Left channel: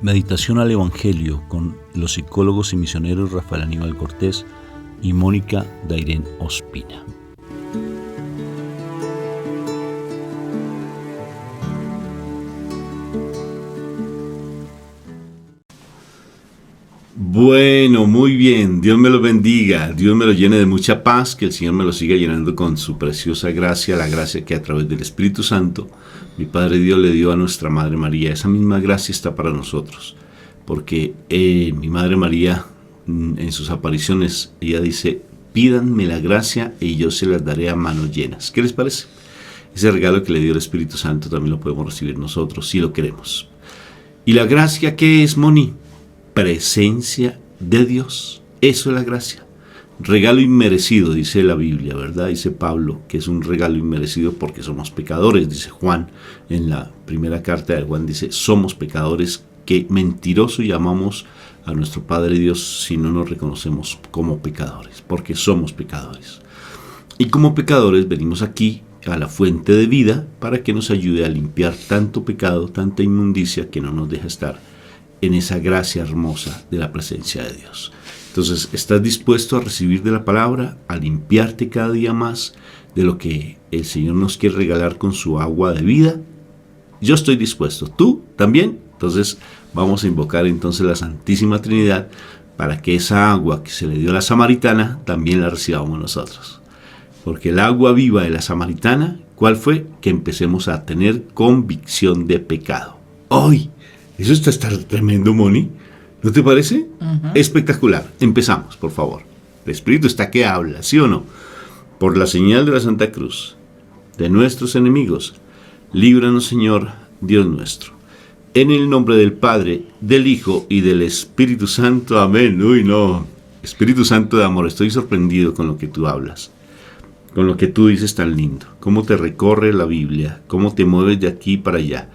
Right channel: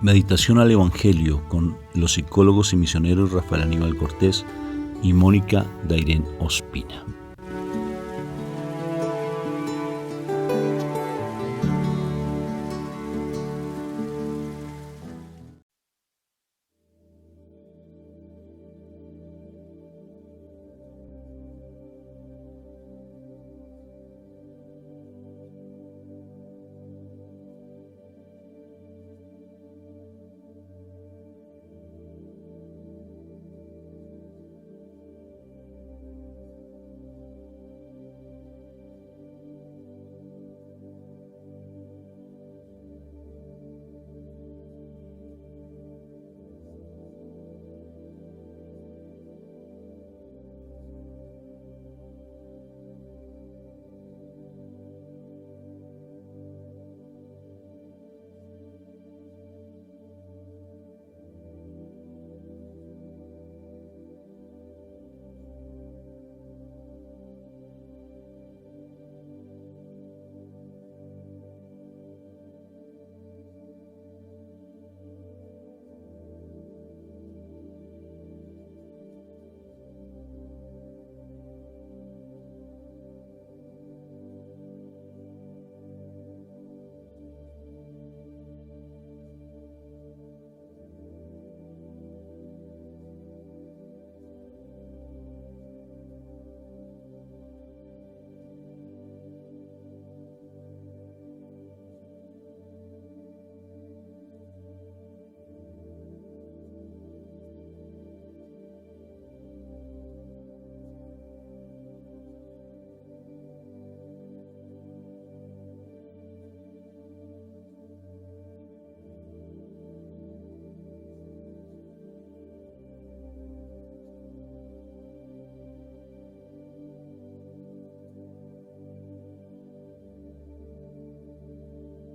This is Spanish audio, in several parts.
Meditación al Evangelio con los psicólogos y misioneros Rafael Aníbal Cortés y Mónica Dairén Ospina. Bueno, muy bien, Dios me lo bendiga, Dios me lo llene de mucha paz, que el Señor me lo siga llenando con su preciosa gracia, la gracia que a través del Espíritu Santo mi Padre Dios le dio a nuestra Madre María. Esa misma gracia está para nosotros, porque mi Madre María en sus apariciones, ella dice: pídanme la gracia y yo se las daré a manos llenas. ¿Qué les parece? Ese regalo que le dio el Espíritu Santo también lo podemos recibir nosotros, si lo queremos. ¿Y la gracia qué es, Moni? Presencia de Dios. Eso es la gracia. Regalo inmerecido, dice la Biblia, ¿verdad? Dice Pablo que es un regalo inmerecido porque somos pecadores. Dice Juan, en la primera carta de Juan, dice: somos pecadores, que mentiroso llamamos a nuestro Padre Dios si no nos reconocemos como pecadores, porque somos pecadores. Y como pecadores venimos aquí a la fuente de vida para que nos ayude a limpiar tanto pecado, tanta inmundicia que no nos deja estar en esa gracia hermosa de la presencia de Dios. Entonces, ¿estás dispuesto a recibir de la palabra, a limpiarte cada día más de lo que el Señor nos quiere regalar con su agua de vida? Yo estoy dispuesto. ¿Tú también? Entonces, vamos a invocar entonces la Santísima Trinidad para que esa agua que se le dio a la samaritana también la recibamos nosotros. Porque el agua viva de la samaritana, ¿cuál fue? Que empecemos a tener convicción de pecado. ¡Ay! Eso está tremendo, Moni. ¿No te parece? Uh-huh. Espectacular. Empezamos, por favor. El Espíritu está que habla, ¿sí o no? Por la señal de la Santa Cruz, de nuestros enemigos, líbranos, Señor, Dios nuestro. En el nombre del Padre, del Hijo y del Espíritu Santo. Amén. Uy, no. Espíritu Santo de amor, estoy sorprendido con lo que tú hablas, con lo que tú dices tan lindo. Cómo te recorre la Biblia, cómo te mueves de aquí para allá.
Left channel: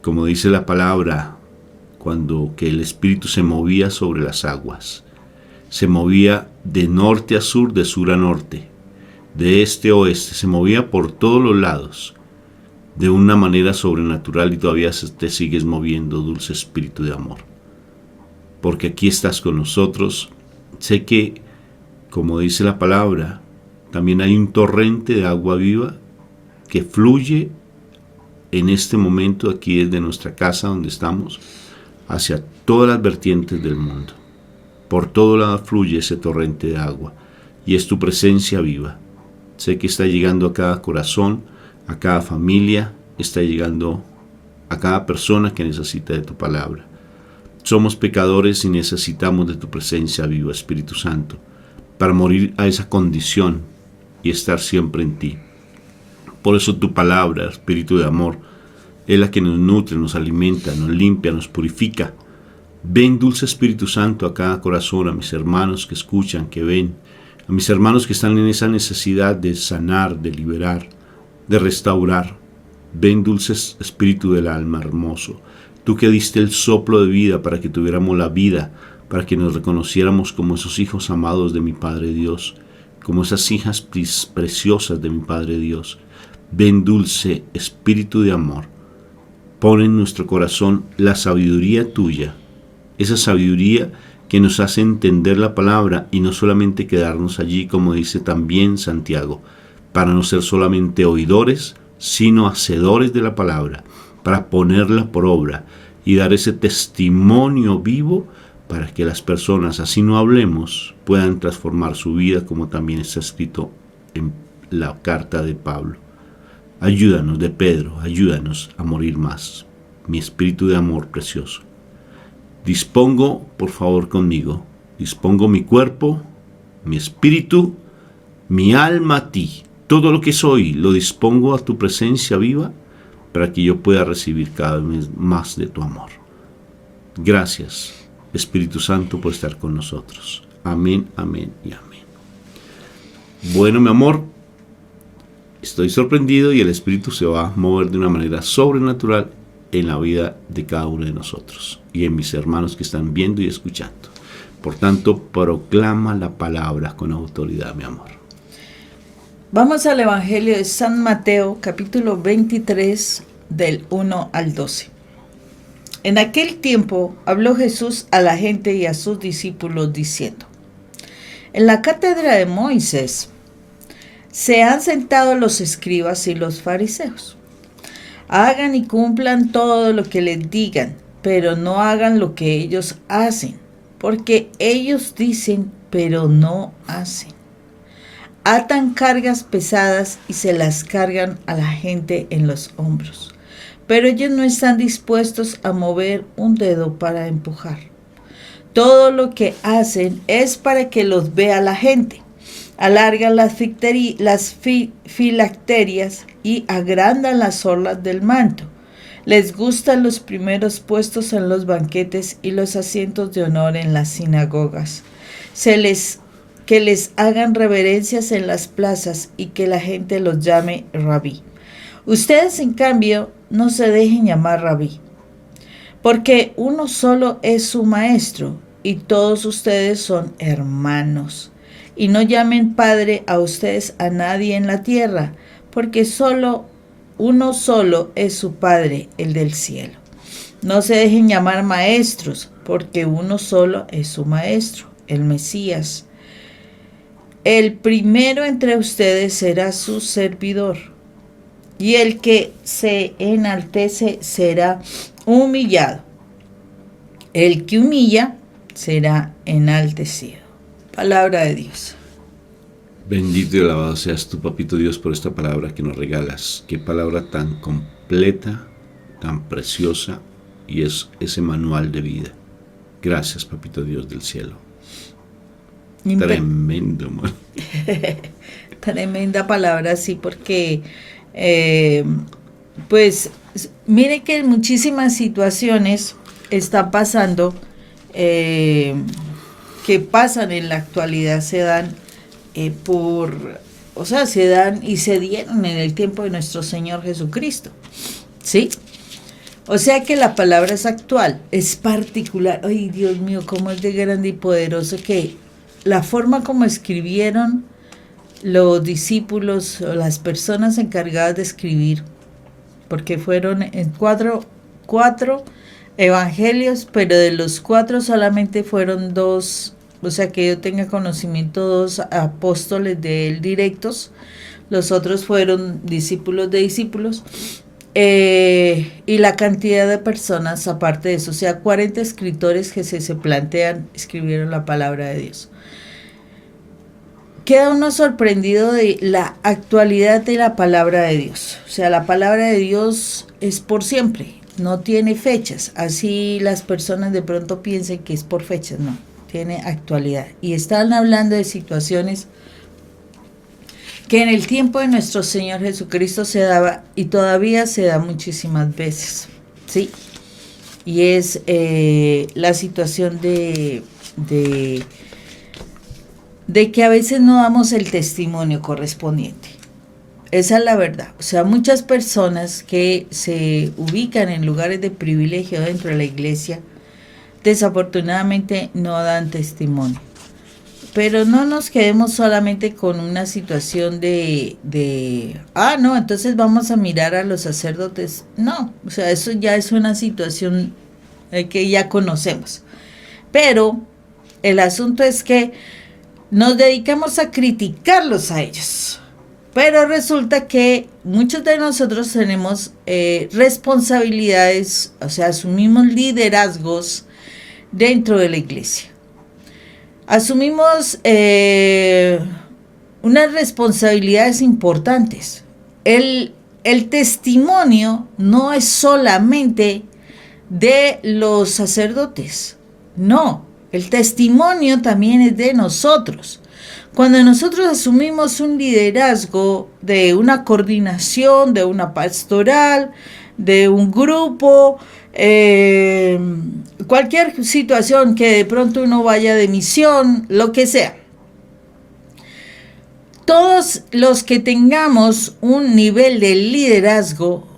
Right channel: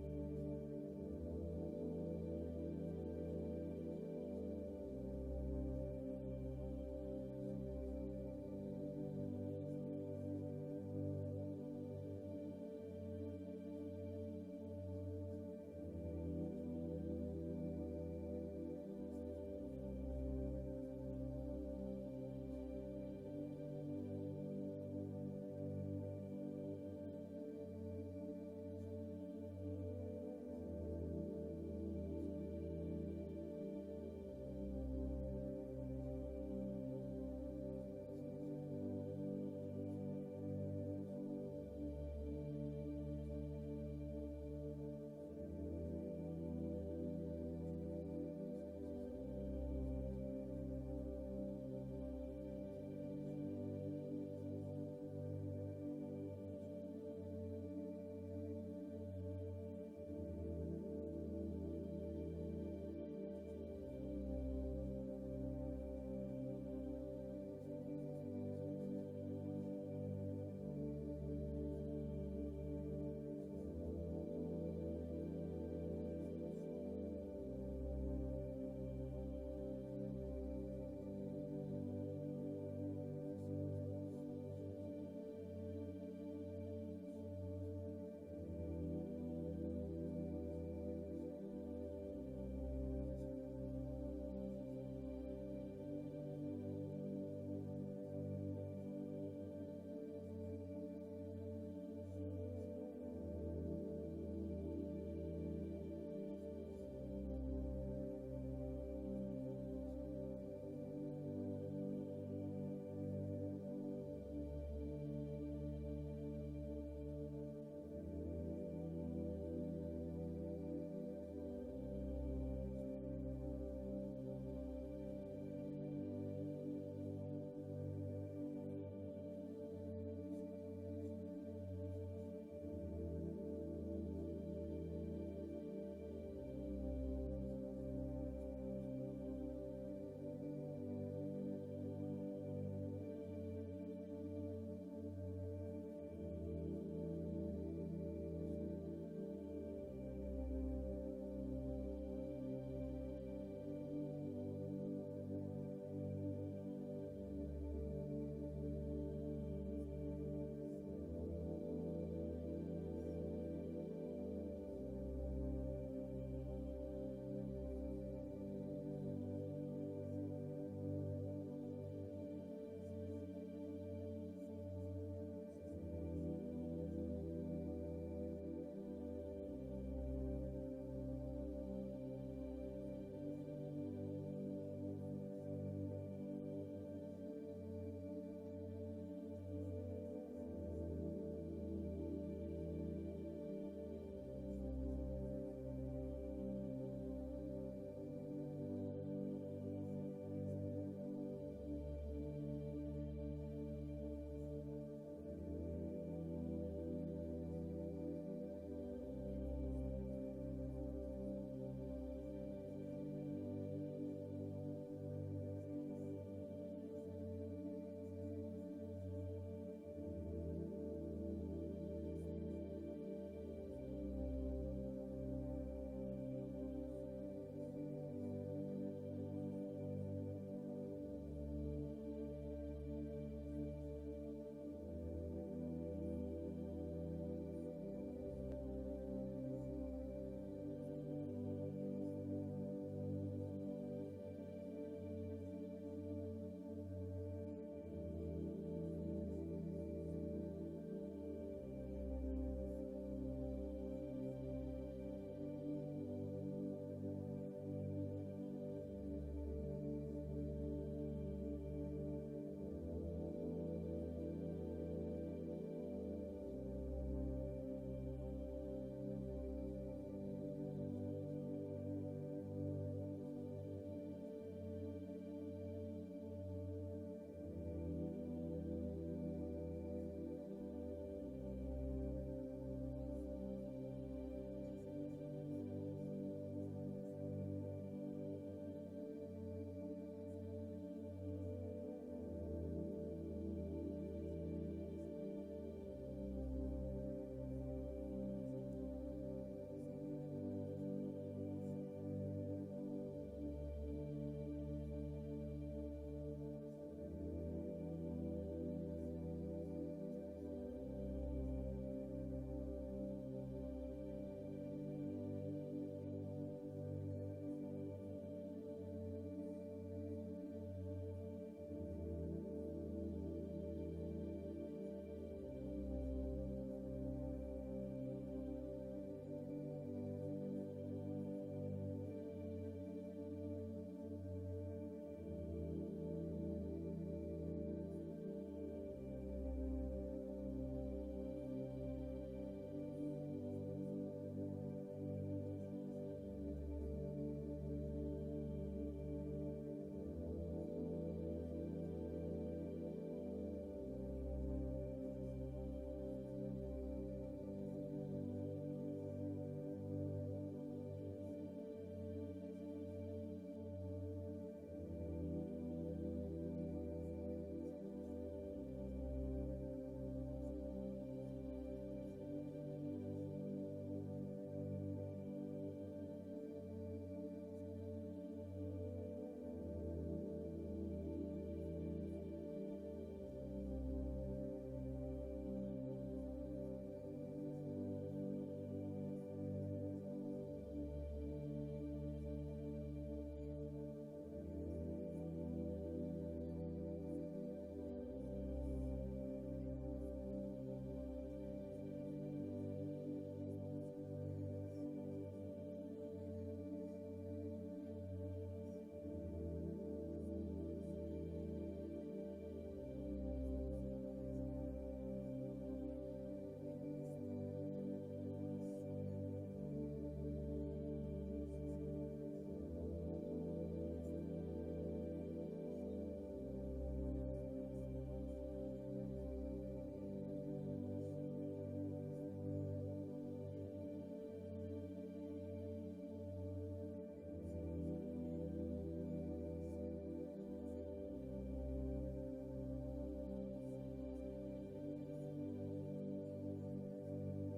Como dice la palabra, cuando que el Espíritu se movía sobre las aguas, se movía de norte a sur, de sur a norte, de este a oeste, se movía por todos los lados, de una manera sobrenatural, y todavía te sigues moviendo, dulce Espíritu de amor. Porque aquí estás con nosotros. Sé que, como dice la palabra, también hay un torrente de agua viva que fluye en este momento aquí desde nuestra casa donde estamos, hacia todas las vertientes del mundo. Por todo lado fluye ese torrente de agua y es tu presencia viva. Sé que está llegando a cada corazón, a cada familia, está llegando a cada persona que necesita de tu palabra. Somos pecadores y necesitamos de tu presencia viva, Espíritu Santo, para morir a esa condición y estar siempre en ti. Por eso tu palabra, Espíritu de amor, es la que nos nutre, nos alimenta, nos limpia, nos purifica. Ven, dulce Espíritu Santo, a cada corazón, a mis hermanos que escuchan, que ven, a mis hermanos que están en esa necesidad de sanar, de liberar, de restaurar. Ven, dulce Espíritu del alma hermoso, tú que diste el soplo de vida para que tuviéramos la vida, para que nos reconociéramos como esos hijos amados de mi Padre Dios, como esas hijas preciosas de mi Padre Dios. Ven, dulce Espíritu de amor, pon en nuestro corazón la sabiduría tuya, esa sabiduría que nos hace entender la palabra y no solamente quedarnos allí, como dice también Santiago, para no ser solamente oidores, sino hacedores de la palabra, para ponerla por obra y dar ese testimonio vivo para que las personas, así no hablemos, puedan transformar su vida, como también está escrito en la carta de Pablo. Ayúdanos, de Pedro, ayúdanos a morir más, mi espíritu de amor precioso. Dispongo, por favor, conmigo, dispongo mi cuerpo, mi espíritu, mi alma a ti. Todo lo que soy lo dispongo a tu presencia viva para que yo pueda recibir cada vez más de tu amor. Gracias, Espíritu Santo, por estar con nosotros. Amén, amén y amén. Bueno, mi amor, estoy sorprendido y el Espíritu se va a mover de una manera sobrenatural en la vida de cada uno de nosotros y en mis hermanos que están viendo y escuchando. Por tanto, proclama la palabra con autoridad, mi amor. Vamos al Evangelio de San Mateo, capítulo 23, del 1 al 12. En aquel tiempo habló Jesús a la gente y a sus discípulos diciendo: en la cátedra de Moisés se han sentado los escribas y los fariseos. Hagan y cumplan todo lo que les digan, pero no hagan lo que ellos hacen, porque ellos dicen, pero no hacen. Atan cargas pesadas y se las cargan a la gente en los hombros, pero ellos no están dispuestos a mover un dedo para empujar. Todo lo que hacen es para que los vea la gente. Alargan las filacterias y agrandan las orlas del manto. Les gustan los primeros puestos en los banquetes y los asientos de honor en las sinagogas. Que les hagan reverencias en las plazas y que la gente los llame rabí. Ustedes, en cambio, no se dejen llamar rabí, porque uno solo es su maestro y todos ustedes son hermanos. Y no llamen padre a ustedes a nadie en la tierra, porque uno solo es su Padre, el del cielo. No se dejen llamar maestros, porque uno solo es su maestro, el Mesías. El primero entre ustedes será su servidor, y el que se enaltece será humillado. El que humilla será enaltecido. Palabra de Dios. Bendito y alabado seas tú, papito Dios, por esta palabra que nos regalas. Qué palabra tan completa, tan preciosa, y es ese manual de vida. Gracias, papito Dios del cielo. Tremendo, man. Tremenda palabra, sí, porque pues mire que en muchísimas situaciones está pasando, que pasan en la actualidad, se dan se dan y se dieron en el tiempo de nuestro Señor Jesucristo, ¿sí? O sea que la palabra es actual, es particular. Ay, Dios mío, cómo es de grande y poderoso que la forma como escribieron los discípulos o las personas encargadas de escribir, porque fueron en cuatro evangelios, pero de los 4 solamente fueron 2, o sea que yo tenga conocimiento, 2 apóstoles de él directos, los otros fueron discípulos de discípulos, y la cantidad de personas aparte de eso, o sea 40 escritores que se plantean, escribieron la palabra de Dios. Queda uno sorprendido de la actualidad de la palabra de Dios, o sea la palabra de Dios es por siempre, no tiene fechas, así las personas de pronto piensen que es por fechas, no, tiene actualidad. Y están hablando de situaciones que en el tiempo de nuestro Señor Jesucristo se daba y todavía se da muchísimas veces, ¿sí? Y es la situación de que a veces no damos el testimonio correspondiente. Esa es la verdad. O sea, muchas personas que se ubican en lugares de privilegio dentro de la iglesia, desafortunadamente no dan testimonio. Pero no nos quedemos solamente con una situación no, entonces vamos a mirar a los sacerdotes. No, o sea, eso ya es una situación que ya conocemos. Pero el asunto es que nos dedicamos a criticarlos a ellos. Pero resulta que muchos de nosotros tenemos responsabilidades, o sea, asumimos liderazgos dentro de la iglesia. Asumimos unas responsabilidades importantes. El testimonio no es solamente de los sacerdotes, no, el testimonio también es de nosotros. Cuando nosotros asumimos un liderazgo de una coordinación, de una pastoral, de un grupo, cualquier situación que de pronto uno vaya de misión, lo que sea. Todos los que tengamos un nivel de liderazgo,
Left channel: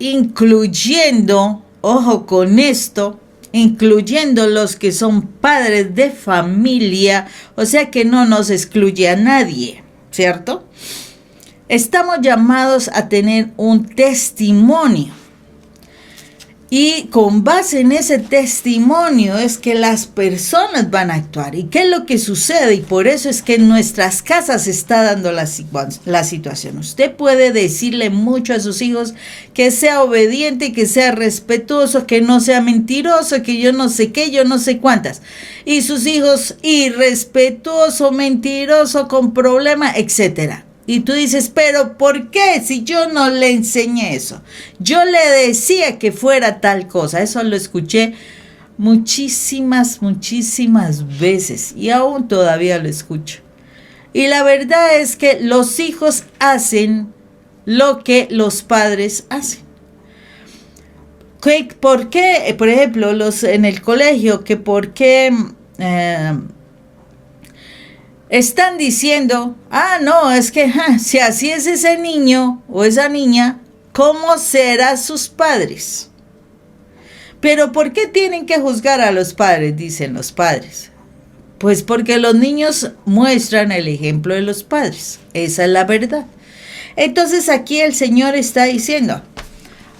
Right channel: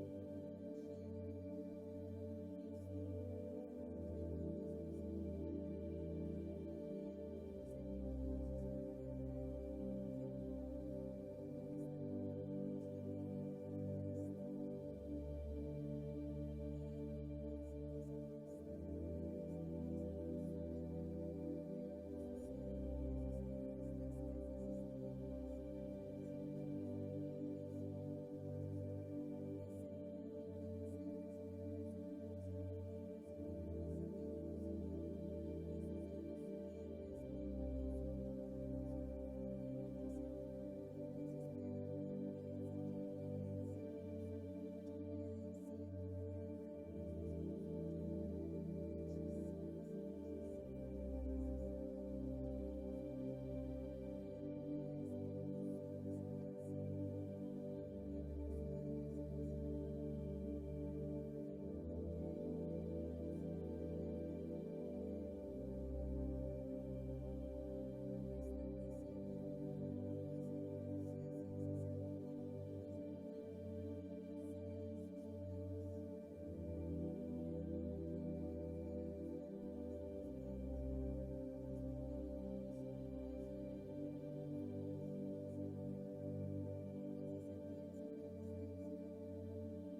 incluyendo, ojo con esto, incluyendo los que son padres de familia, o sea que no nos excluye a nadie, ¿cierto? Estamos llamados a tener un testimonio. Y con base en ese testimonio es que las personas van a actuar. ¿Y qué es lo que sucede? Y por eso es que en nuestras casas se está dando la situación. Usted puede decirle mucho a sus hijos que sea obediente, que sea respetuoso, que no sea mentiroso, que yo no sé qué, yo no sé cuántas. Y sus hijos irrespetuoso, mentiroso, con problema, etcétera. Y tú dices, pero ¿por qué si yo no le enseñé eso? Yo le decía que fuera tal cosa. Eso lo escuché muchísimas veces y aún todavía lo escucho. Y la verdad es que los hijos hacen lo que los padres hacen. ¿Por qué? Por ejemplo, en el colegio, que por qué... están diciendo, no, es que si así es ese niño o esa niña, ¿cómo serán sus padres? Pero ¿por qué tienen que juzgar a los padres? Dicen los padres. Pues porque los niños muestran el ejemplo de los padres. Esa es la verdad. Entonces aquí el Señor está diciendo,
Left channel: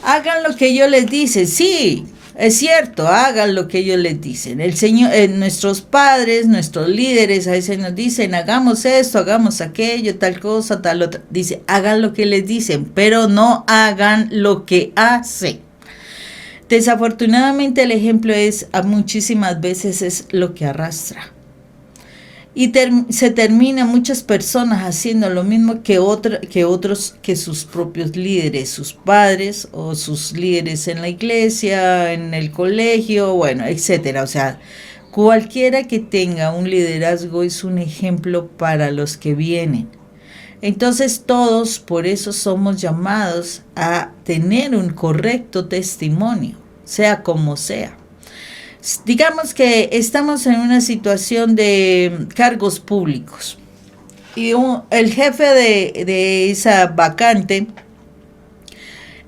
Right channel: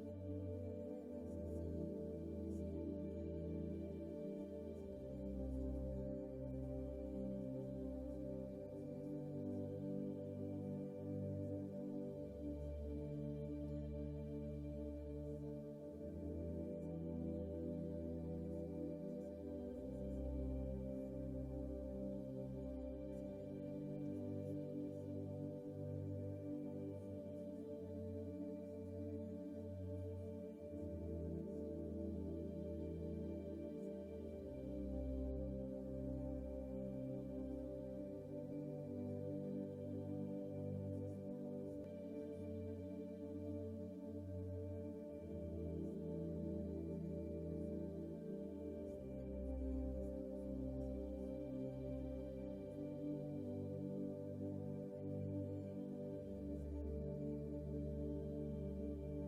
hagan lo que ellos les dicen. Sí, es cierto, hagan lo que ellos les dicen. El Señor, nuestros padres, nuestros líderes a veces nos dicen, hagamos esto, hagamos aquello, tal cosa, tal otra. Dice, hagan lo que les dicen, pero no hagan lo que hacen. Desafortunadamente el ejemplo muchísimas veces es lo que arrastra. Y se termina muchas personas haciendo lo mismo que sus propios líderes, sus padres o sus líderes en la iglesia, en el colegio, bueno, etcétera. O sea, cualquiera que tenga un liderazgo es un ejemplo para los que vienen. Entonces todos por eso somos llamados a tener un correcto testimonio, sea como sea. Digamos que estamos en una situación de cargos públicos y el jefe de esa vacante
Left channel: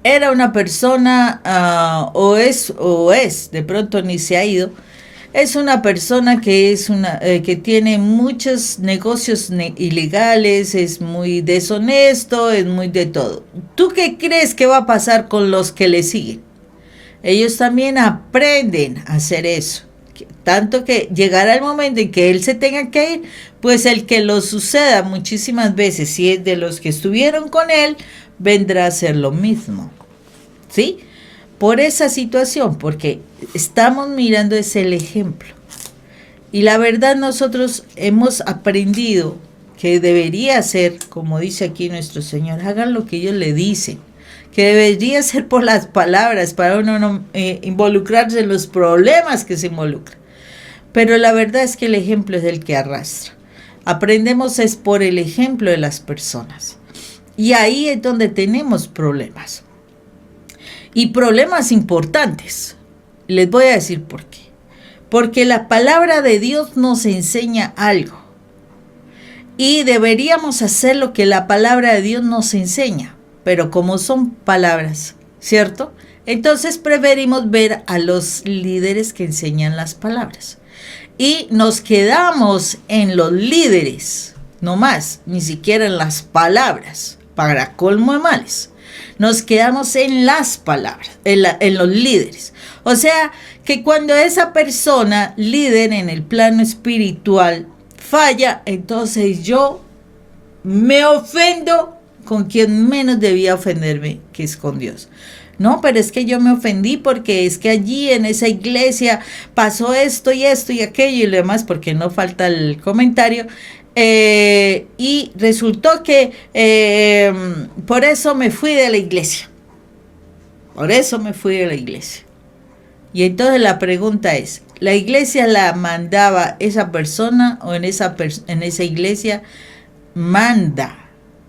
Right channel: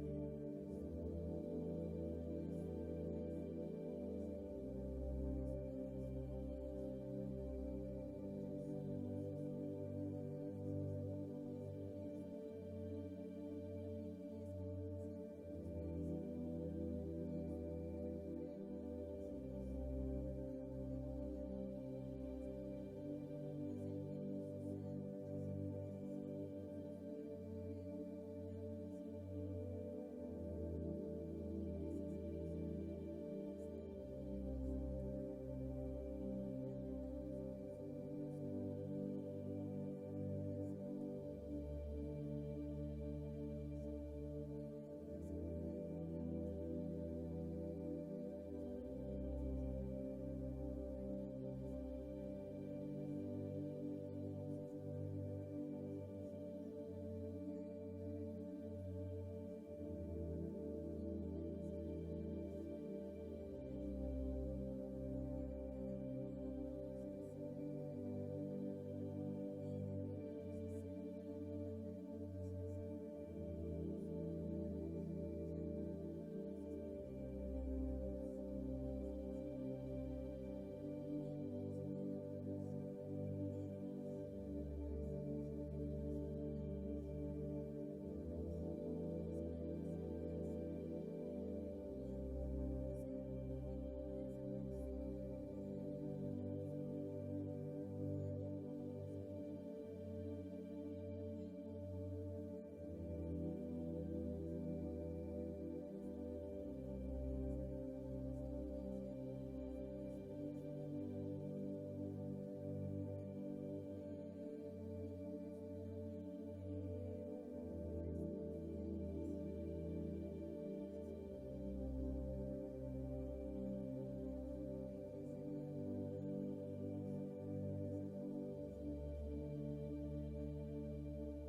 era una persona, o es, de pronto ni se ha ido, es una persona que que tiene muchos negocios ilegales, es muy deshonesto, es muy de todo. ¿Tú qué crees que va a pasar con los que le siguen? Ellos también aprenden a hacer eso. Tanto que llegará el momento en que él se tenga que ir, pues el que lo suceda muchísimas veces, si es de los que estuvieron con él, vendrá a hacer lo mismo. ¿Sí? Por esa situación, porque estamos mirando el ejemplo. Y la verdad nosotros hemos aprendido que debería ser, como dice aquí nuestro Señor, hagan lo que ellos le dicen. Que debería ser por las palabras para uno no involucrarse en los problemas que se involucran. Pero la verdad es que el ejemplo es el que arrastra. Aprendemos es por el ejemplo de las personas. Y ahí es donde tenemos problemas. Y problemas importantes. Les voy a decir por qué. Porque la palabra de Dios nos enseña algo. Y deberíamos hacer lo que la palabra de Dios nos enseña. Pero como son palabras, ¿cierto? Entonces preferimos ver a los líderes que enseñan las palabras. Y nos quedamos en los líderes, no más, ni siquiera en las palabras, para colmo de males. Nos quedamos en las palabras, en los líderes. O sea, que cuando esa persona, líder en el plano espiritual, falla, entonces yo me ofendo con quien menos debía ofenderme, que es con Dios. No, pero es que yo me ofendí porque es que allí en esa iglesia pasó esto y aquello y lo demás, porque no falta el comentario. Y resultó que por eso me fui de la iglesia. Por eso me fui de la iglesia. Y entonces la pregunta es, ¿la iglesia la mandaba esa persona o en esa iglesia manda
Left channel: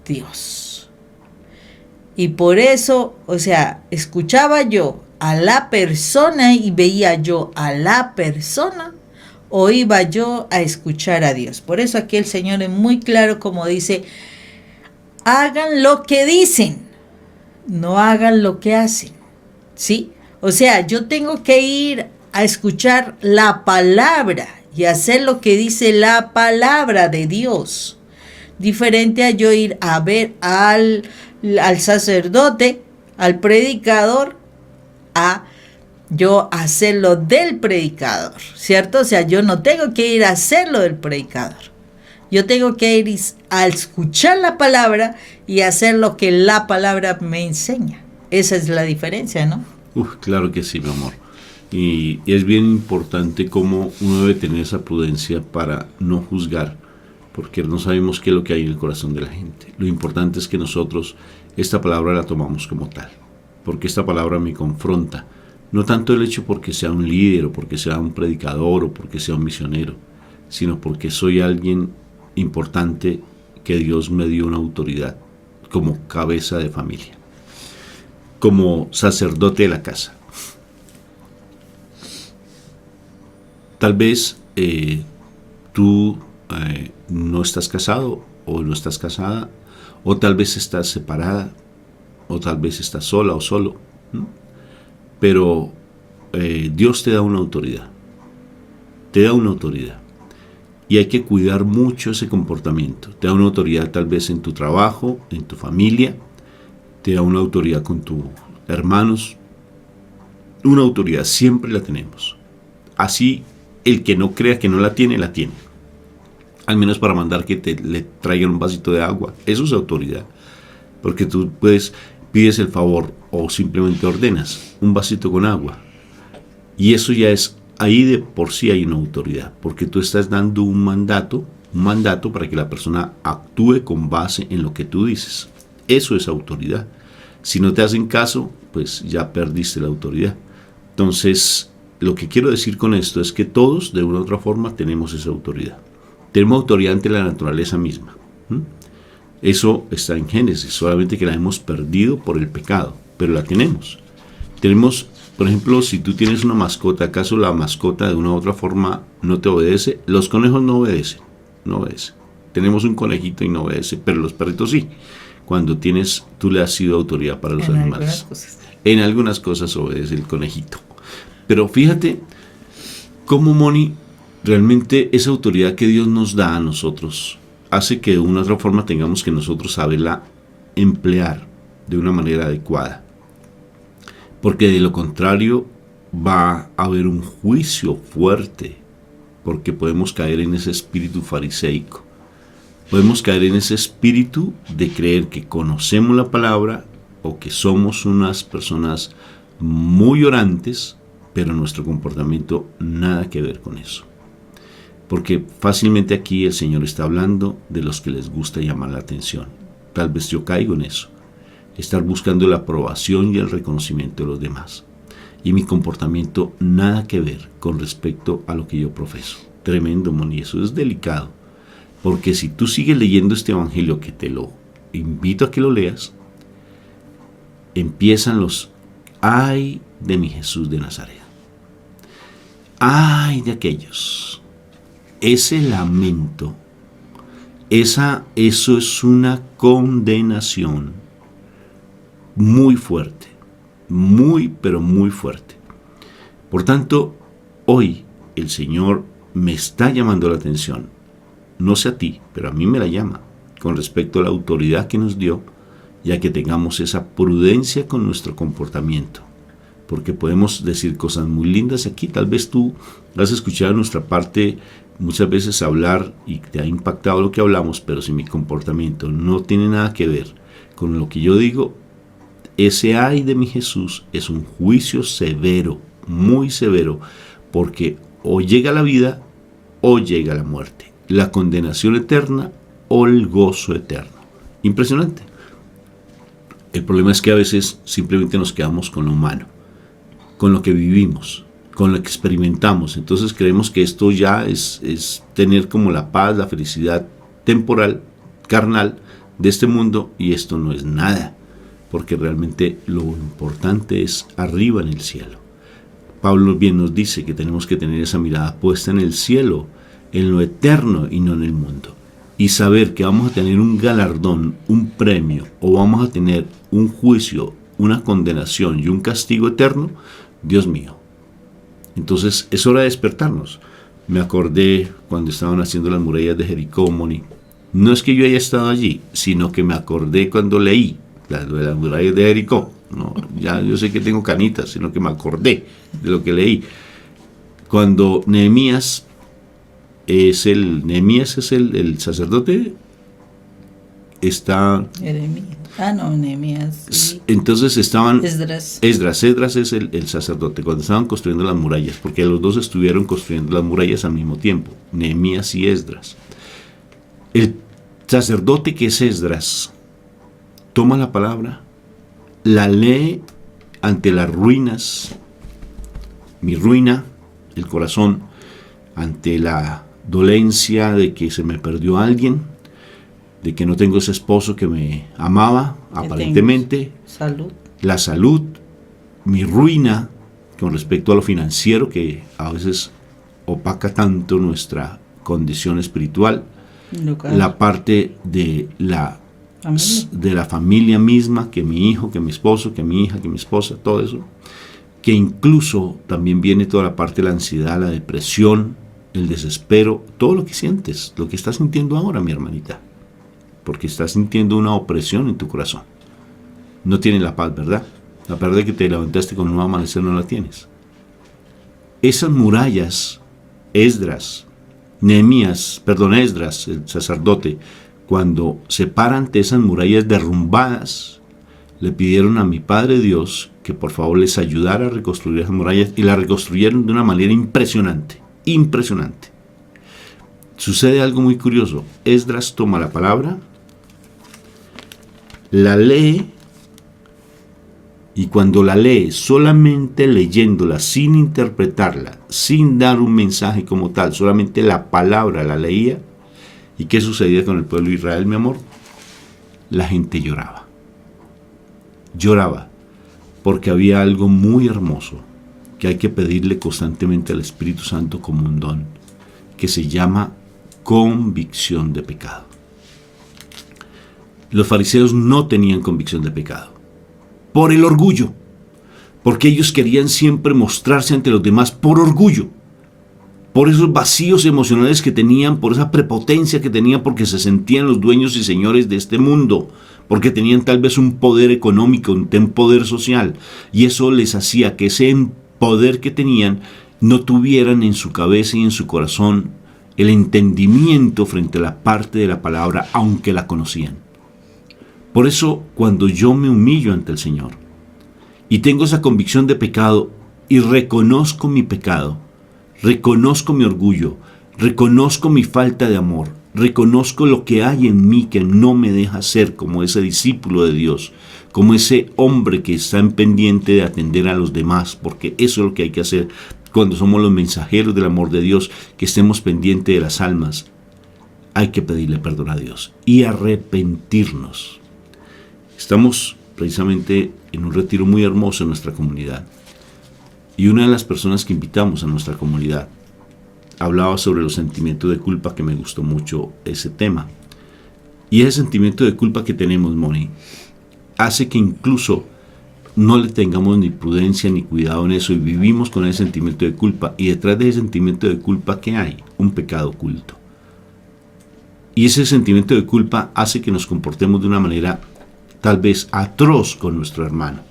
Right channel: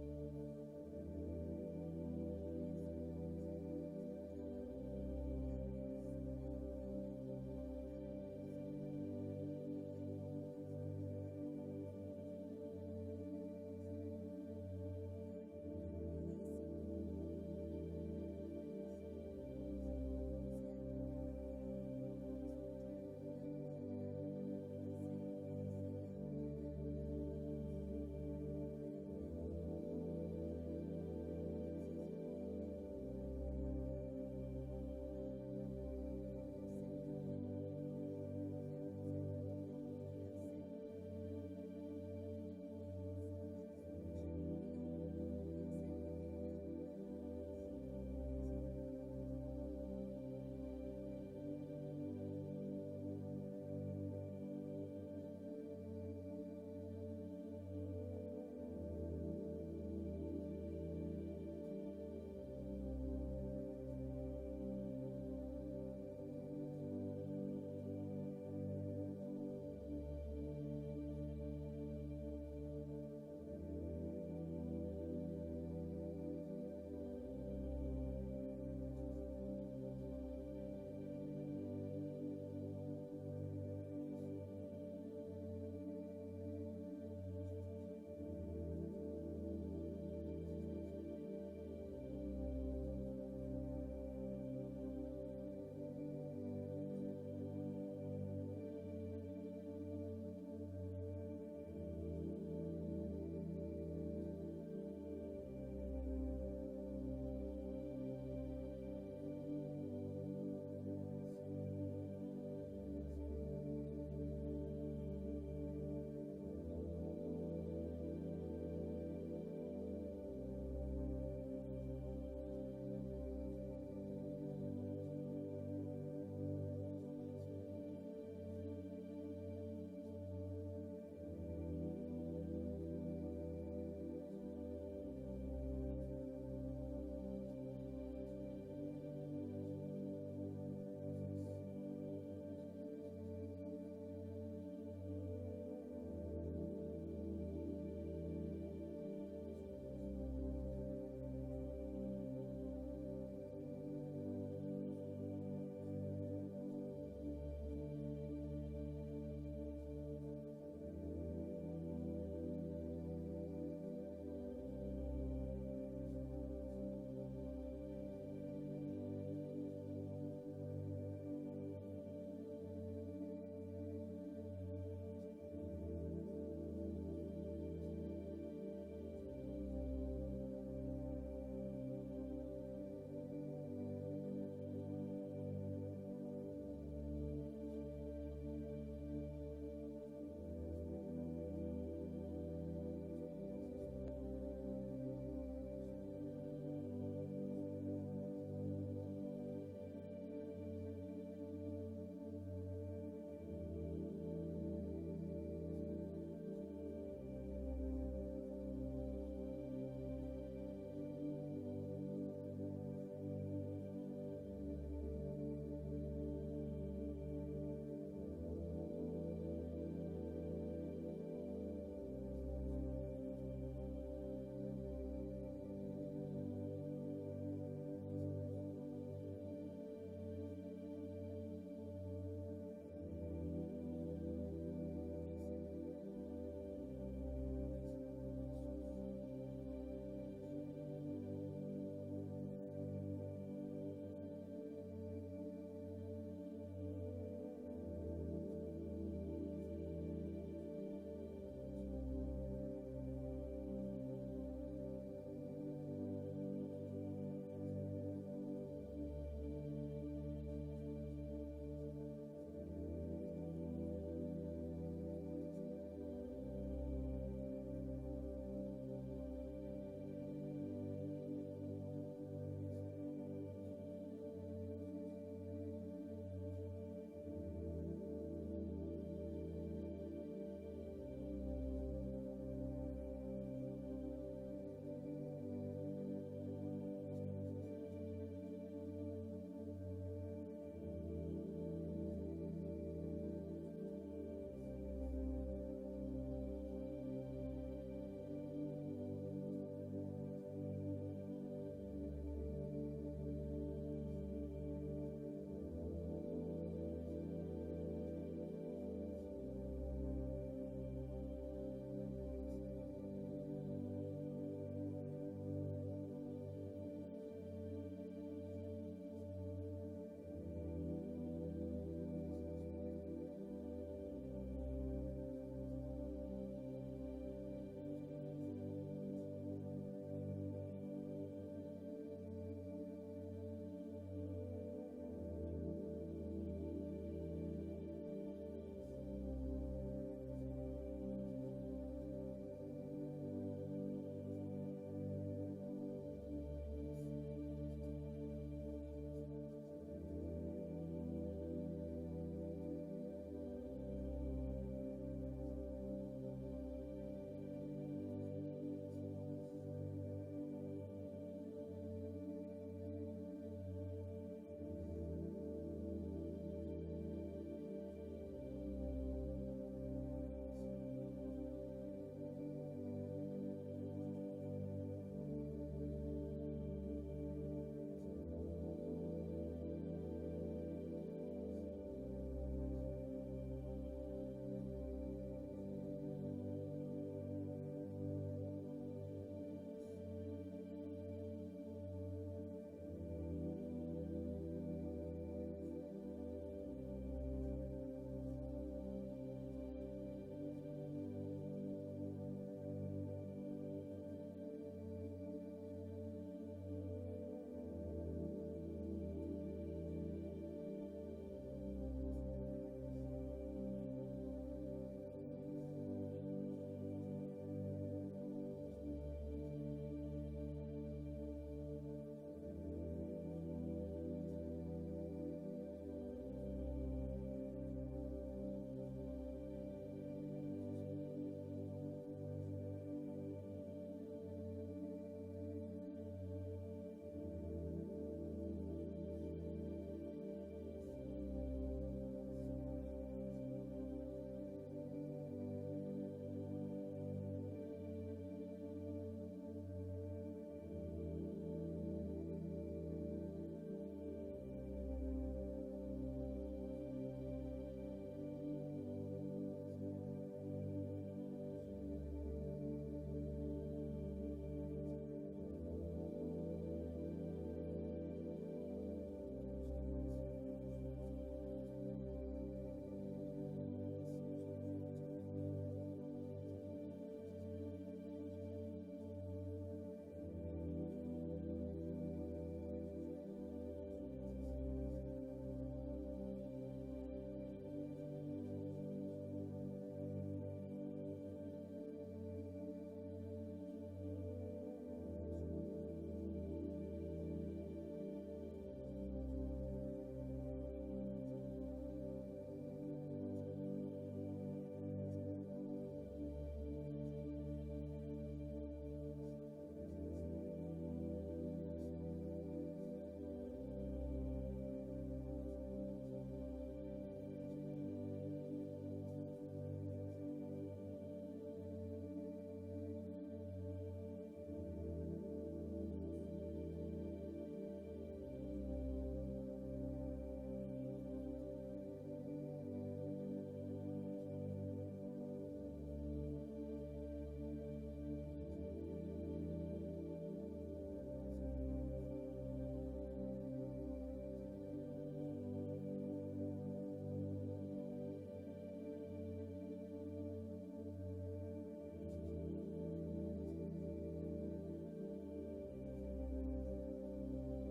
Dios? Y por eso, o sea, escuchaba yo a la persona y veía yo a la persona, o iba yo a escuchar a Dios. Por eso aquí el Señor es muy claro como dice, hagan lo que dicen, no hagan lo que hacen. ¿Sí? O sea, yo tengo que ir a escuchar la palabra y hacer lo que dice la palabra de Dios. Diferente a yo ir a ver al sacerdote, al predicador, a yo hacerlo del predicador, ¿cierto? O sea, yo no tengo que ir a hacerlo del predicador. Yo tengo que ir a escuchar la palabra y hacer lo que la palabra me enseña. Esa es la diferencia, ¿no? Claro que sí, mi amor. Y es bien importante cómo uno debe tener esa prudencia para no juzgar, porque no sabemos qué es lo que hay en el corazón de la gente. Lo importante es que nosotros esta palabra la tomamos como tal, porque esta palabra me confronta. No tanto el hecho porque sea un líder o porque sea un predicador o porque sea un misionero, sino porque soy alguien importante que Dios me dio una autoridad como cabeza de familia, como sacerdote de la casa. Tal vez tú no estás casado o no estás casada, o tal vez estás separada, o tal vez estás sola o solo, ¿no? Pero Dios te da una autoridad, te da una autoridad. Y hay que cuidar mucho ese comportamiento. Te da una autoridad tal vez en tu trabajo, en tu familia, te da una autoridad con tus hermanos. Una autoridad siempre la tenemos. Así el que no crea que no la tiene, la tiene. Al menos para mandar que le traigan un vasito de agua. Eso es autoridad. Porque tú pides el favor o simplemente ordenas un vasito con agua. Y eso ya es, ahí de por sí hay una autoridad. Porque tú estás dando un mandato para que la persona actúe con base en lo que tú dices. Eso es autoridad. Si no te hacen caso, pues ya perdiste la autoridad. Entonces, lo que quiero decir con esto es que todos, de una u otra forma, tenemos esa autoridad. Tenemos autoridad ante la naturaleza misma. Eso está en Génesis, solamente que la hemos perdido por el pecado, pero la tenemos. Tenemos, por ejemplo, si tú tienes una mascota, ¿acaso la mascota de una u otra forma no te obedece? Los conejos no obedecen, no obedecen. Tenemos un conejito y no obedece, pero los perritos sí. Cuando tú le has sido autoridad para los animales. En algunas cosas obedece el conejito. Pero fíjate cómo, Moni, realmente esa autoridad que Dios nos da a nosotros hace que de una u otra forma tengamos que nosotros saberla emplear de una manera adecuada. Porque de lo contrario va a haber un juicio fuerte, porque podemos caer en ese espíritu fariseico. Podemos caer en ese espíritu de creer que conocemos la palabra o que somos unas personas muy orantes, pero nuestro comportamiento nada que ver con eso. Porque fácilmente aquí el Señor está hablando de los que les gusta llamar la atención. Tal vez yo caigo en eso. Estar buscando la aprobación y el reconocimiento de los demás. Y mi comportamiento nada que ver con respecto a lo que yo profeso. Tremendo, Moni, eso es delicado. Porque si tú sigues leyendo este evangelio, que te lo invito a que lo leas, empiezan los ay de mi Jesús de Nazaret. Ay de aquellos. Ese lamento, eso es una condenación muy fuerte, muy pero muy fuerte. Por tanto, hoy el Señor me está llamando la atención, no sé a ti, pero a mí me la llama, con respecto a la autoridad que nos dio, ya que tengamos esa prudencia con nuestro comportamiento. Porque podemos decir cosas muy lindas aquí. Tal vez tú has escuchado nuestra parte muchas veces hablar y te ha impactado lo que hablamos, pero si mi comportamiento no tiene nada que ver con lo que yo digo, ese ay de mi Jesús es un juicio severo, muy severo, porque o llega la vida o llega la muerte, la condenación eterna o el gozo eterno. Impresionante. El problema es que a veces simplemente nos quedamos con lo humano, con lo que vivimos, con lo que experimentamos. Entonces creemos que esto ya es tener como la paz, la felicidad temporal, carnal de este mundo, y esto no es nada, porque realmente lo importante es arriba en el cielo. Pablo bien nos dice que tenemos que tener esa mirada puesta en el cielo, en lo eterno y no en el mundo. Y saber que vamos a tener un galardón, un premio, o vamos a tener un juicio, una condenación y un castigo eterno. Dios mío. Entonces es hora de despertarnos. Me acordé cuando estaban haciendo las murallas de Jericó, Moni. No es que yo haya estado allí, sino que me acordé cuando leí las murallas de Jericó. No, ya yo sé que tengo canitas, sino que me acordé de lo que leí. Cuando Nehemías es el sacerdote, está... Jeremías. Nehemías. Sí. Entonces estaban... Esdras. Esdras es el sacerdote, cuando estaban construyendo las murallas, porque los dos estuvieron construyendo las murallas al mismo tiempo, Nehemías y Esdras. El sacerdote, que es Esdras, toma la palabra, la lee ante las ruinas, mi ruina, el corazón, ante la dolencia de que se me perdió alguien, de que no tengo ese esposo que me amaba, aparentemente, la salud, mi ruina con respecto a lo financiero, que a veces opaca tanto nuestra condición espiritual, la parte de la familia misma, que mi hijo, que mi esposo, que mi hija, que mi esposa, todo eso, que incluso también viene toda la parte de la ansiedad, la depresión, el desespero, todo lo que sientes, lo que estás sintiendo ahora, mi hermanita, porque estás sintiendo una opresión en tu corazón. No tienes la paz, ¿verdad? La paz de que te levantaste con un nuevo amanecer no la tienes. Esas murallas, Esdras, el sacerdote, cuando se para ante esas murallas derrumbadas, le pidieron a mi Padre Dios que por favor les ayudara a reconstruir esas murallas, y las reconstruyeron de una manera impresionante, impresionante. Sucede algo muy curioso. Esdras toma la palabra, la lee, y cuando la lee, solamente leyéndola, sin interpretarla, sin dar un mensaje como tal, solamente la palabra la leía. ¿Y qué sucedía con el pueblo de Israel, mi amor? La gente lloraba. Lloraba, porque había algo muy hermoso que hay que pedirle constantemente al Espíritu Santo como un don, que se llama convicción de pecado. Los fariseos no tenían convicción de pecado por el orgullo, porque ellos querían siempre mostrarse ante los demás por orgullo, por esos vacíos emocionales que tenían, por esa prepotencia que tenían, porque se sentían los dueños y señores de este mundo, porque tenían tal vez un poder económico, un poder social, y eso les hacía que ese poder que tenían no tuvieran en su cabeza y en su corazón el entendimiento frente a la parte de la palabra, aunque la conocían. Por eso, cuando yo me humillo ante el Señor y tengo esa convicción de pecado y reconozco mi pecado, reconozco mi orgullo, reconozco mi falta de amor, reconozco lo que hay en mí que no me deja ser como ese discípulo de Dios, como ese hombre que está en pendiente de atender a los demás, porque eso es lo que hay que hacer cuando somos los mensajeros del amor de Dios, que estemos pendientes de las almas. Hay que pedirle perdón a Dios y arrepentirnos. Estamos precisamente en un retiro muy hermoso en nuestra comunidad, y una de las personas que invitamos a nuestra comunidad hablaba sobre los sentimientos de culpa, que me gustó mucho ese tema. Y ese sentimiento de culpa que tenemos, Moni, hace que incluso no le tengamos ni prudencia ni cuidado en eso, y vivimos con ese sentimiento de culpa, y detrás de ese sentimiento de culpa, ¿qué hay? Un pecado oculto. Y ese sentimiento de culpa hace que nos comportemos de una manera tal vez atroz con nuestro hermano.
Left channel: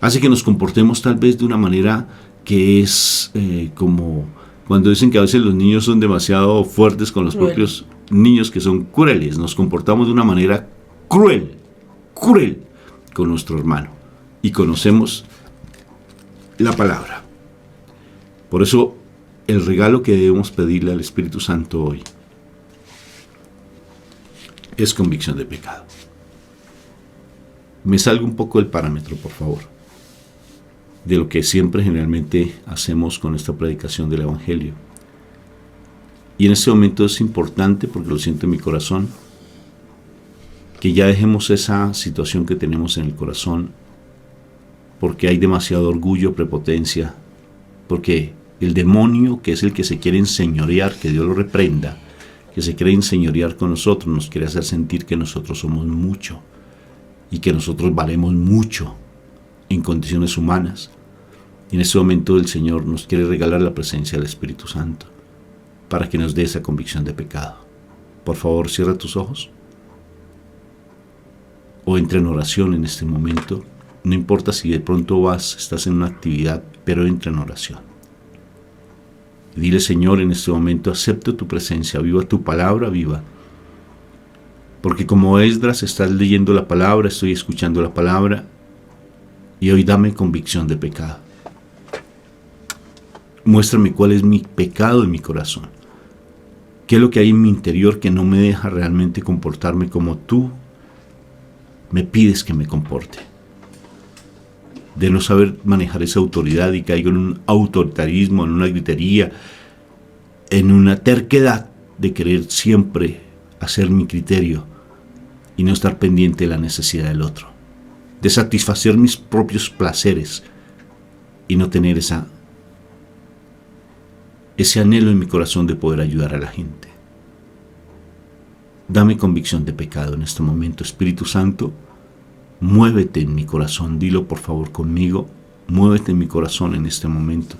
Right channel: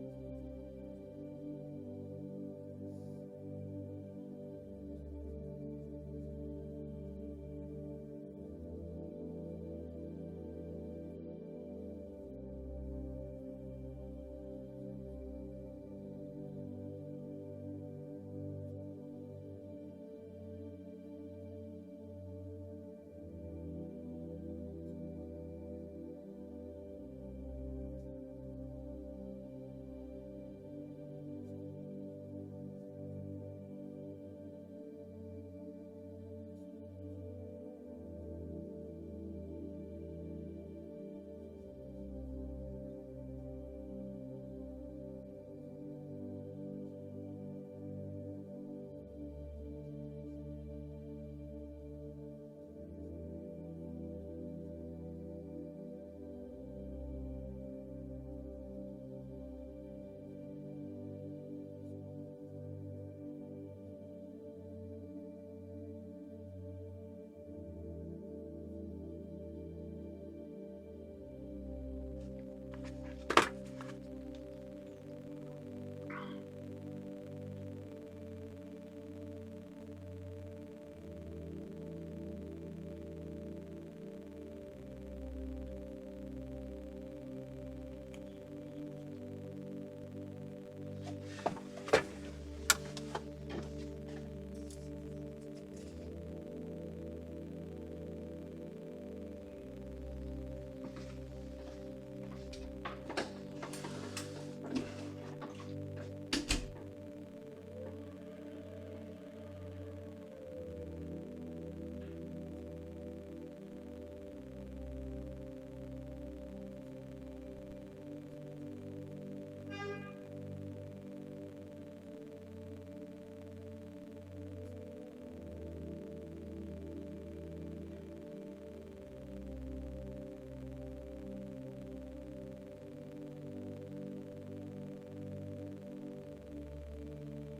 Hace que nos comportemos tal vez de una manera que es como cuando dicen que a veces los niños son demasiado fuertes con los propios niños, que son crueles. Nos comportamos de una manera cruel con nuestro hermano, y conocemos la palabra. Por eso el regalo que debemos pedirle al Espíritu Santo hoy es convicción de pecado. Me salgo un poco del parámetro, por favor, de lo que siempre generalmente hacemos con esta predicación del Evangelio. Y en este momento es importante, porque lo siento en mi corazón, que ya dejemos esa situación que tenemos en el corazón, porque hay demasiado orgullo, prepotencia, porque el demonio, que es el que se quiere enseñorear, que Dios lo reprenda, que se quiere enseñorear con nosotros, nos quiere hacer sentir que nosotros somos mucho y que nosotros valemos mucho en condiciones humanas. Y en este momento el Señor nos quiere regalar la presencia del Espíritu Santo para que nos dé esa convicción de pecado. Por favor, cierra tus ojos o entra en oración en este momento. No importa si de pronto estás en una actividad, pero entra en oración. Y dile, Señor, en este momento acepto tu presencia, viva tu palabra, viva. Porque como Esdras estás leyendo la palabra, estoy escuchando la palabra, y hoy dame convicción de pecado. Muéstrame cuál es mi pecado en mi corazón. ¿Qué es lo que hay en mi interior que no me deja realmente comportarme como tú me pides que me comporte? De no saber manejar esa autoridad y caigo en un autoritarismo, en una gritería, en una terquedad de querer siempre hacer mi criterio y no estar pendiente de la necesidad del otro, de satisfacer mis propios placeres y no tener ese anhelo en mi corazón de poder ayudar a la gente. Dame convicción de pecado en este momento, Espíritu Santo. Muévete en mi corazón, dilo por favor conmigo, muévete en mi corazón en este momento.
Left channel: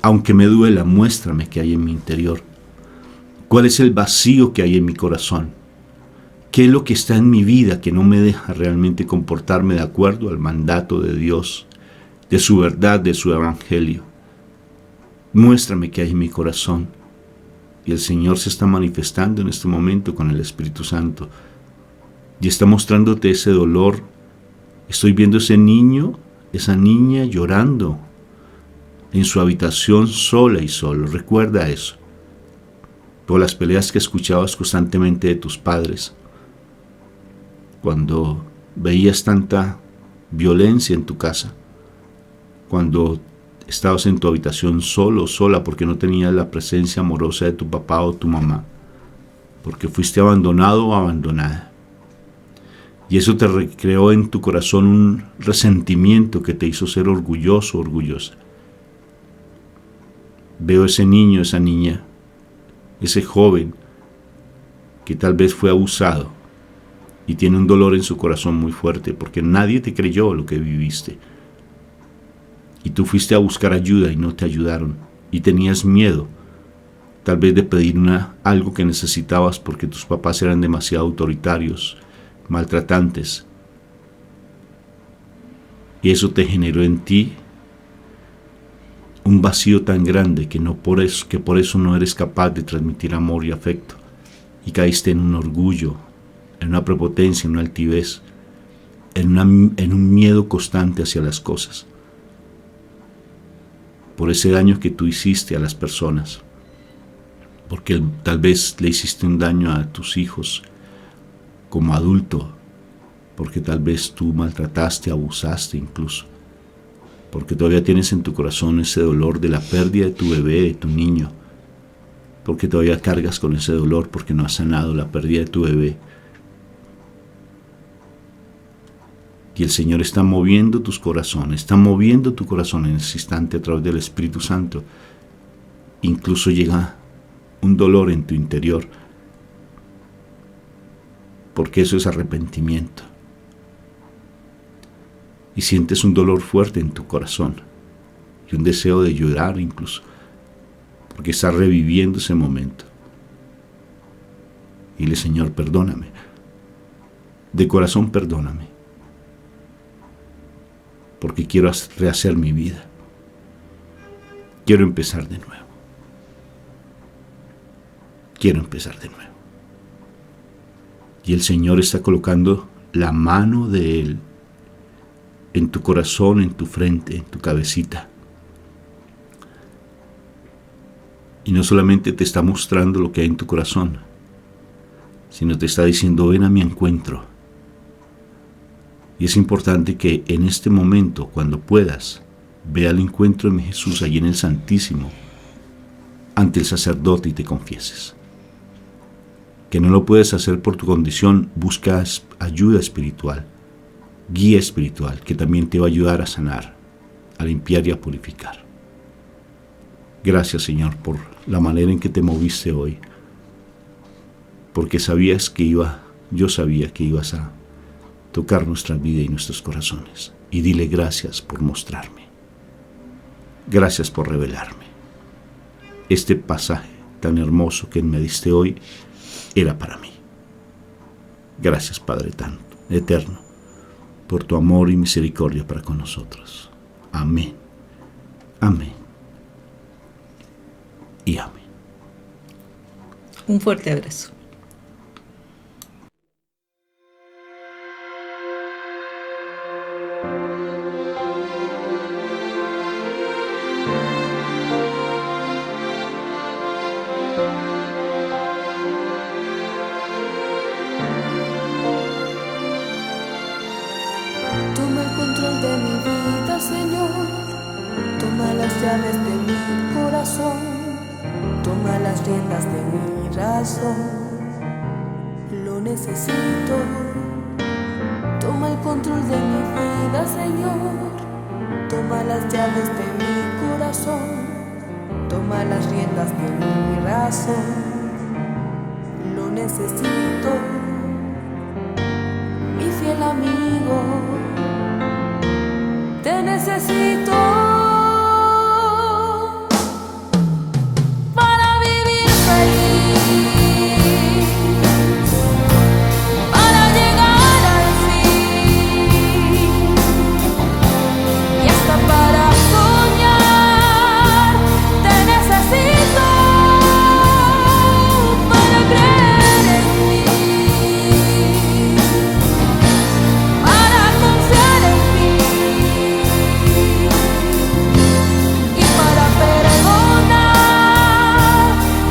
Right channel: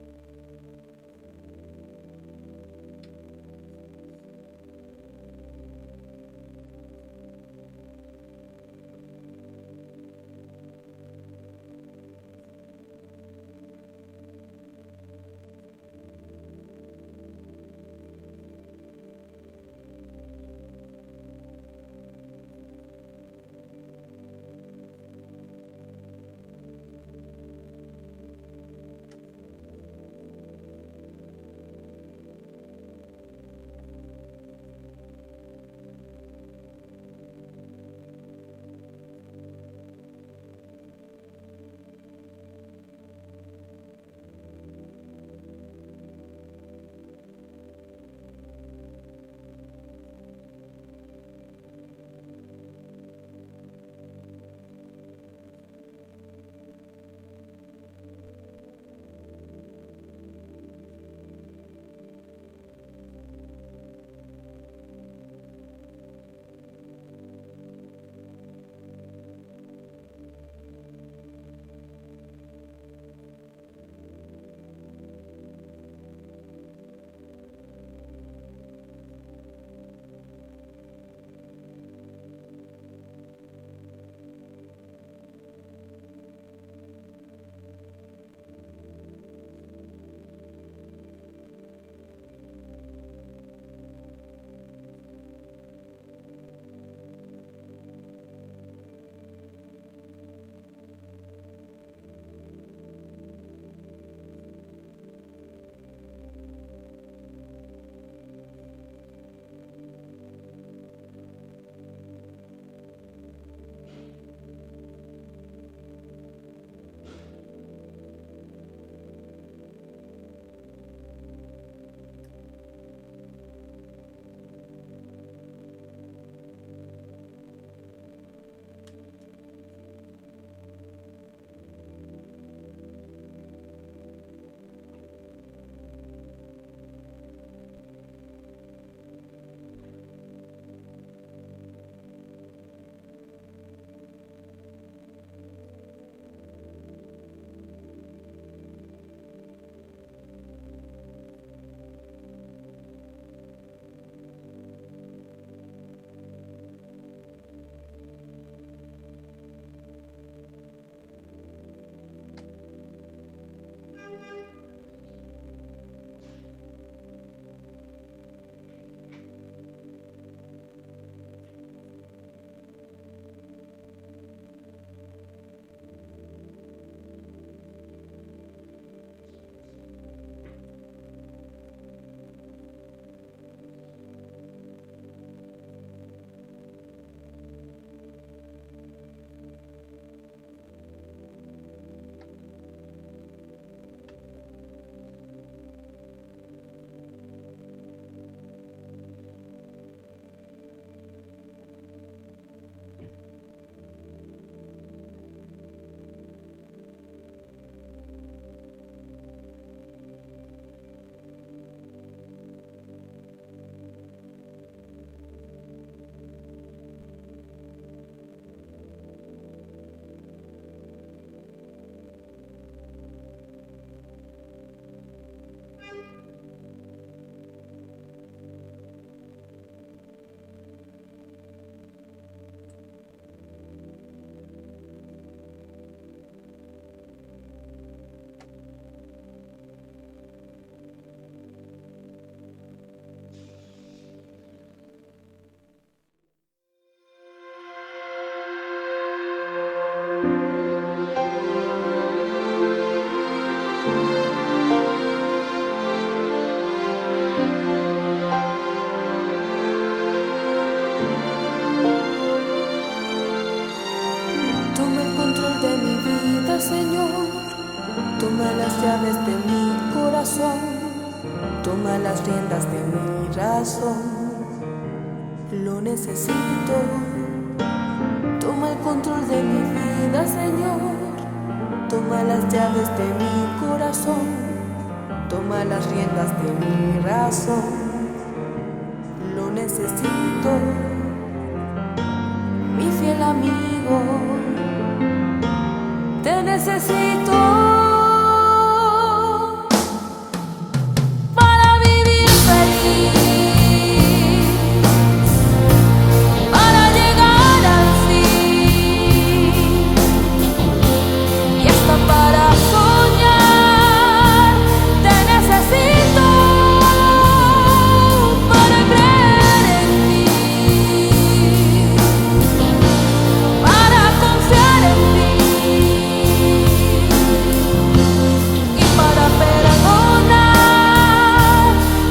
Aunque me duela, muéstrame qué hay en mi interior. ¿Cuál es el vacío que hay en mi corazón? ¿Qué es lo que está en mi vida que no me deja realmente comportarme de acuerdo al mandato de Dios, de su verdad, de su evangelio? Muéstrame qué hay en mi corazón. Y el Señor se está manifestando en este momento con el Espíritu Santo. Y está mostrándote ese dolor. Estoy viendo ese niño, esa niña llorando en su habitación sola y solo. Recuerda eso. Por las peleas que escuchabas constantemente de tus padres. Cuando veías tanta violencia en tu casa. Cuando estabas en tu habitación solo o sola porque no tenías la presencia amorosa de tu papá o tu mamá. Porque fuiste abandonado o abandonada. Y eso te creó en tu corazón un resentimiento que te hizo ser orgulloso o orgullosa. Veo ese niño, esa niña, ese joven que tal vez fue abusado y tiene un dolor en su corazón muy fuerte porque nadie te creyó lo que viviste. Y tú fuiste a buscar ayuda y no te ayudaron. Y tenías miedo, tal vez de pedir algo que necesitabas porque tus papás eran demasiado autoritarios, maltratantes, y eso te generó en ti un vacío tan grande que por eso no eres capaz de transmitir amor y afecto, y caíste en un orgullo, en una prepotencia, en una altivez, en un miedo constante hacia las cosas, por ese daño que tú hiciste a las personas, porque tal vez le hiciste un daño a tus hijos como adulto, porque tal vez tú maltrataste, abusaste incluso, porque todavía tienes en tu corazón ese dolor de la pérdida de tu bebé, de tu niño, porque todavía cargas con ese dolor porque no has sanado la pérdida de tu bebé. Y el Señor está moviendo tus corazones, está moviendo tu corazón en ese instante a través del Espíritu Santo. Incluso llega un dolor en tu interior, porque eso es arrepentimiento. Y sientes un dolor fuerte en tu corazón y un deseo de llorar incluso, porque estás reviviendo ese momento. Y dile, Señor, perdóname. De corazón, perdóname. Porque quiero rehacer mi vida. Quiero empezar de nuevo. Quiero empezar de nuevo. Y el Señor está colocando la mano de Él en tu corazón, en tu frente, en tu cabecita. Y no solamente te está mostrando lo que hay en tu corazón, sino te está diciendo, ven a mi encuentro. Y es importante que en este momento, cuando puedas, ve al encuentro de mi Jesús allí en el Santísimo, ante el sacerdote y te confieses. Que no lo puedes hacer por tu condición, buscas ayuda espiritual, guía espiritual, que también te va a ayudar a sanar, a limpiar y a purificar. Gracias, Señor, por la manera en que te moviste hoy, porque yo sabía que ibas a tocar nuestra vida y nuestros corazones. Y dile gracias por mostrarme. Gracias por revelarme. Este pasaje tan hermoso que me diste hoy era para mí. Gracias, Padre tan eterno. por tu amor y misericordia para con nosotros. Amén. Amén. Y amén. Un fuerte abrazo. Toma el control de mi vida, Señor. Toma las llaves de mi corazón. Toma las riendas de mi razón. Lo necesito. Toma el control de mi vida, Señor. Toma las llaves de mi corazón. Toma las riendas de mi razón. Lo necesito. Mi fiel amigo, te necesito para vivir feliz, para llegar al fin y hasta para soñar. Te necesito para creer en mí, para confiar en ti y para perdonar.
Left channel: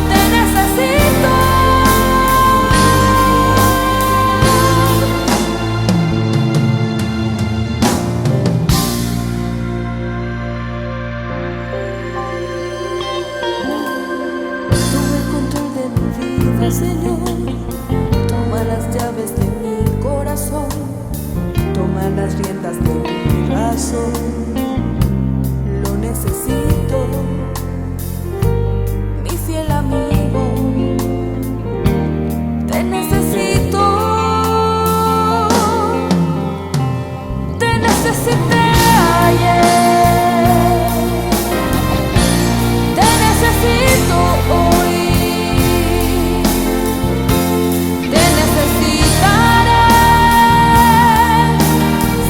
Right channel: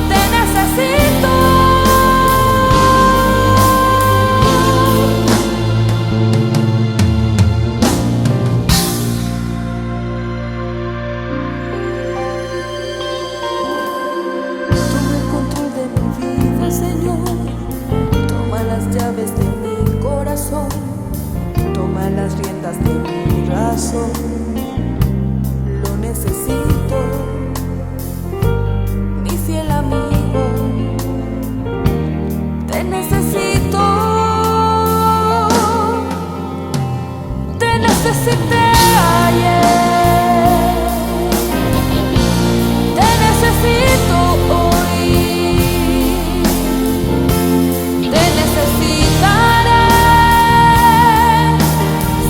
Te necesito. Toma el control de mi vida, Señor. Toma las llaves de mi corazón. Toma las riendas de mi razón. Lo necesito. Mi fiel amigo, te necesito. Te necesité ayer. Te necesito hoy. Te necesitaré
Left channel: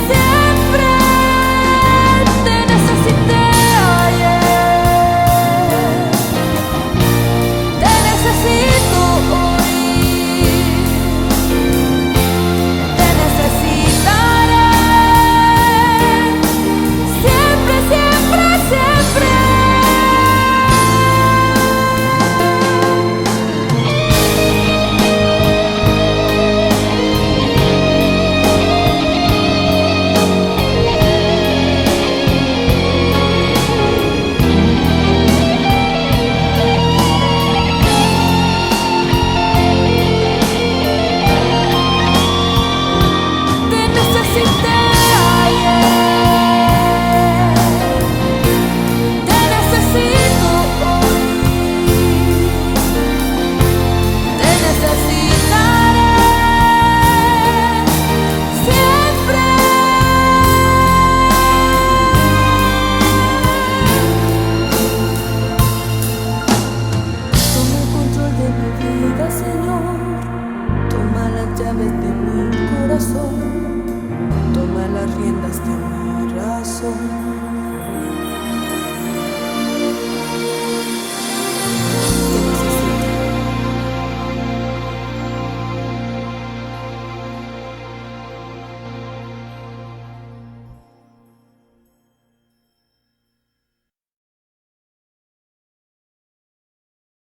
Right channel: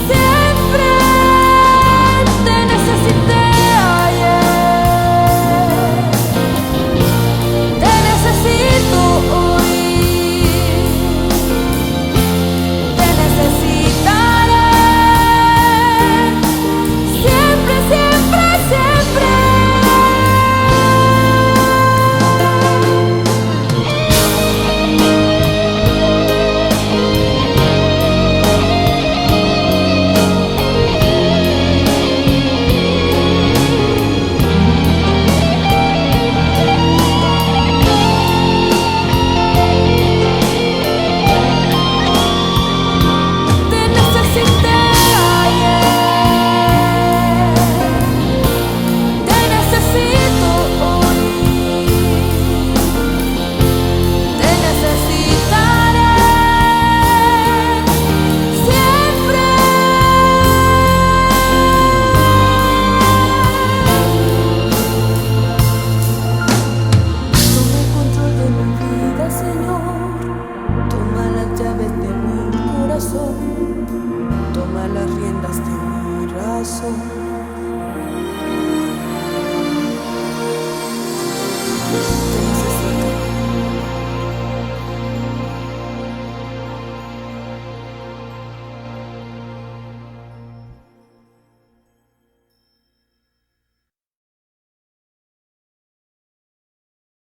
siempre. Te necesité ayer. Te necesito hoy. Te necesitaré siempre, siempre, siempre. Te necesité ayer. Te necesito hoy. Te necesitaré siempre. Toma el control de mi vida, Señor. Toma las llaves de mi corazón. Toma las riendas de mi razón.